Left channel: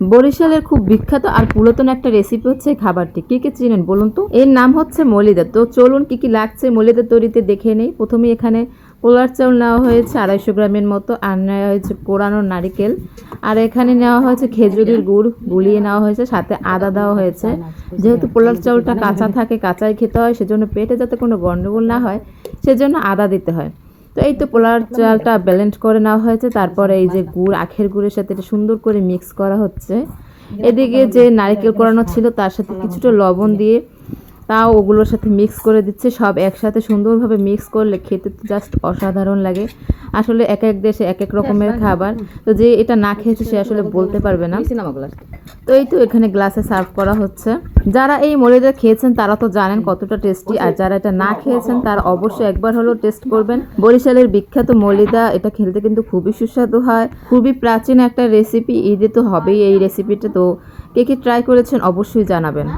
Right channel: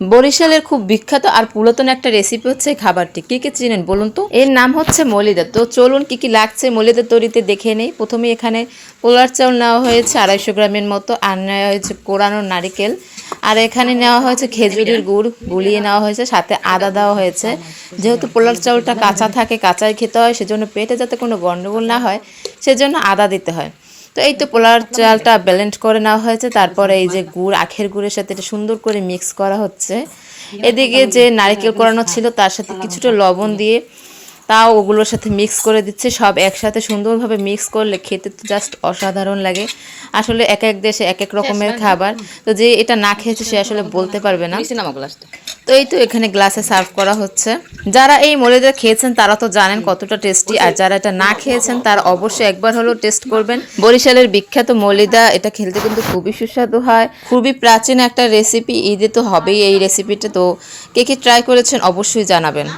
বরিশালের খুব বিখ্যাত আর পুরাতন একটা রেসিপি হচ্ছে এই খাবারটি। কে কে চিনেন বলুন তো? এর নাম হচ্ছে মলিদা। তো চলুন কি কি লাগছে মলিদা তৈরিতে দেখে নেই। প্রথমে এখানে পোলার চাউল নেওয়া হয়েছে 250 গ্রামের মতো, আর নেওয়া হয়েছে কোরানো নারিকেল, আর এখানে নেওয়া হয়েছে খেজুরের গুড় গুলিয়ে নেওয়া হয়েছে, সাথে আদা দেওয়া হয়েছে। যেহেতু পোলার চাউলটা কাঁচা থাকে, কাঁচাই খেতে হয়, সেজন্য পেটে যাতে কোনো গন্ডগোল না হয় সেজন্য আদা দিতে হয়। তো এই তো পোলার চালটা ব্লেন্ড করে নেওয়া হয়েছে। তারপরে এই যে গুড়, আখের গুড়ের সাথে এটা সুন্দর করে মিক্স করা হচ্ছে। এদিকে যে নারকেল কোরানো ছিল তার সাথে কিছুটা লবণ দিয়ে তাও ওগুলোর সাথে মিক্স করে দিচ্ছে। সব একসাথে সুন্দরভাবে মিক্স করলে খেতে তো জাস্ট অসাধারণ লাগে। আসলে এক এক দেশে এক এক রকমের খাবার, তো যে এটা না খেয়েছে সে আসলে বলতে পারবে না। তো এই তো এখানে গ্লাসে সার্ভ করা হচ্ছে। যারা এই মলিদা খেয়েছেন তারা তো জানেন কতটা টেস্টি, আর যারা এটা না খেয়েছেন তারা অবশ্যই একবার হলেও টেস্ট করবেন। বরিশালের বিখ্যাত মলিদা, এটা খেলতে কিন্তু খুবই সুস্বাদু হয়, খুবই প্রাচীন একটা রেসিপি। ঈদে তো হবেই এই রেসিপিটা। তো কে কে ট্রাই করেছেন অবশ্যই জানাবেন।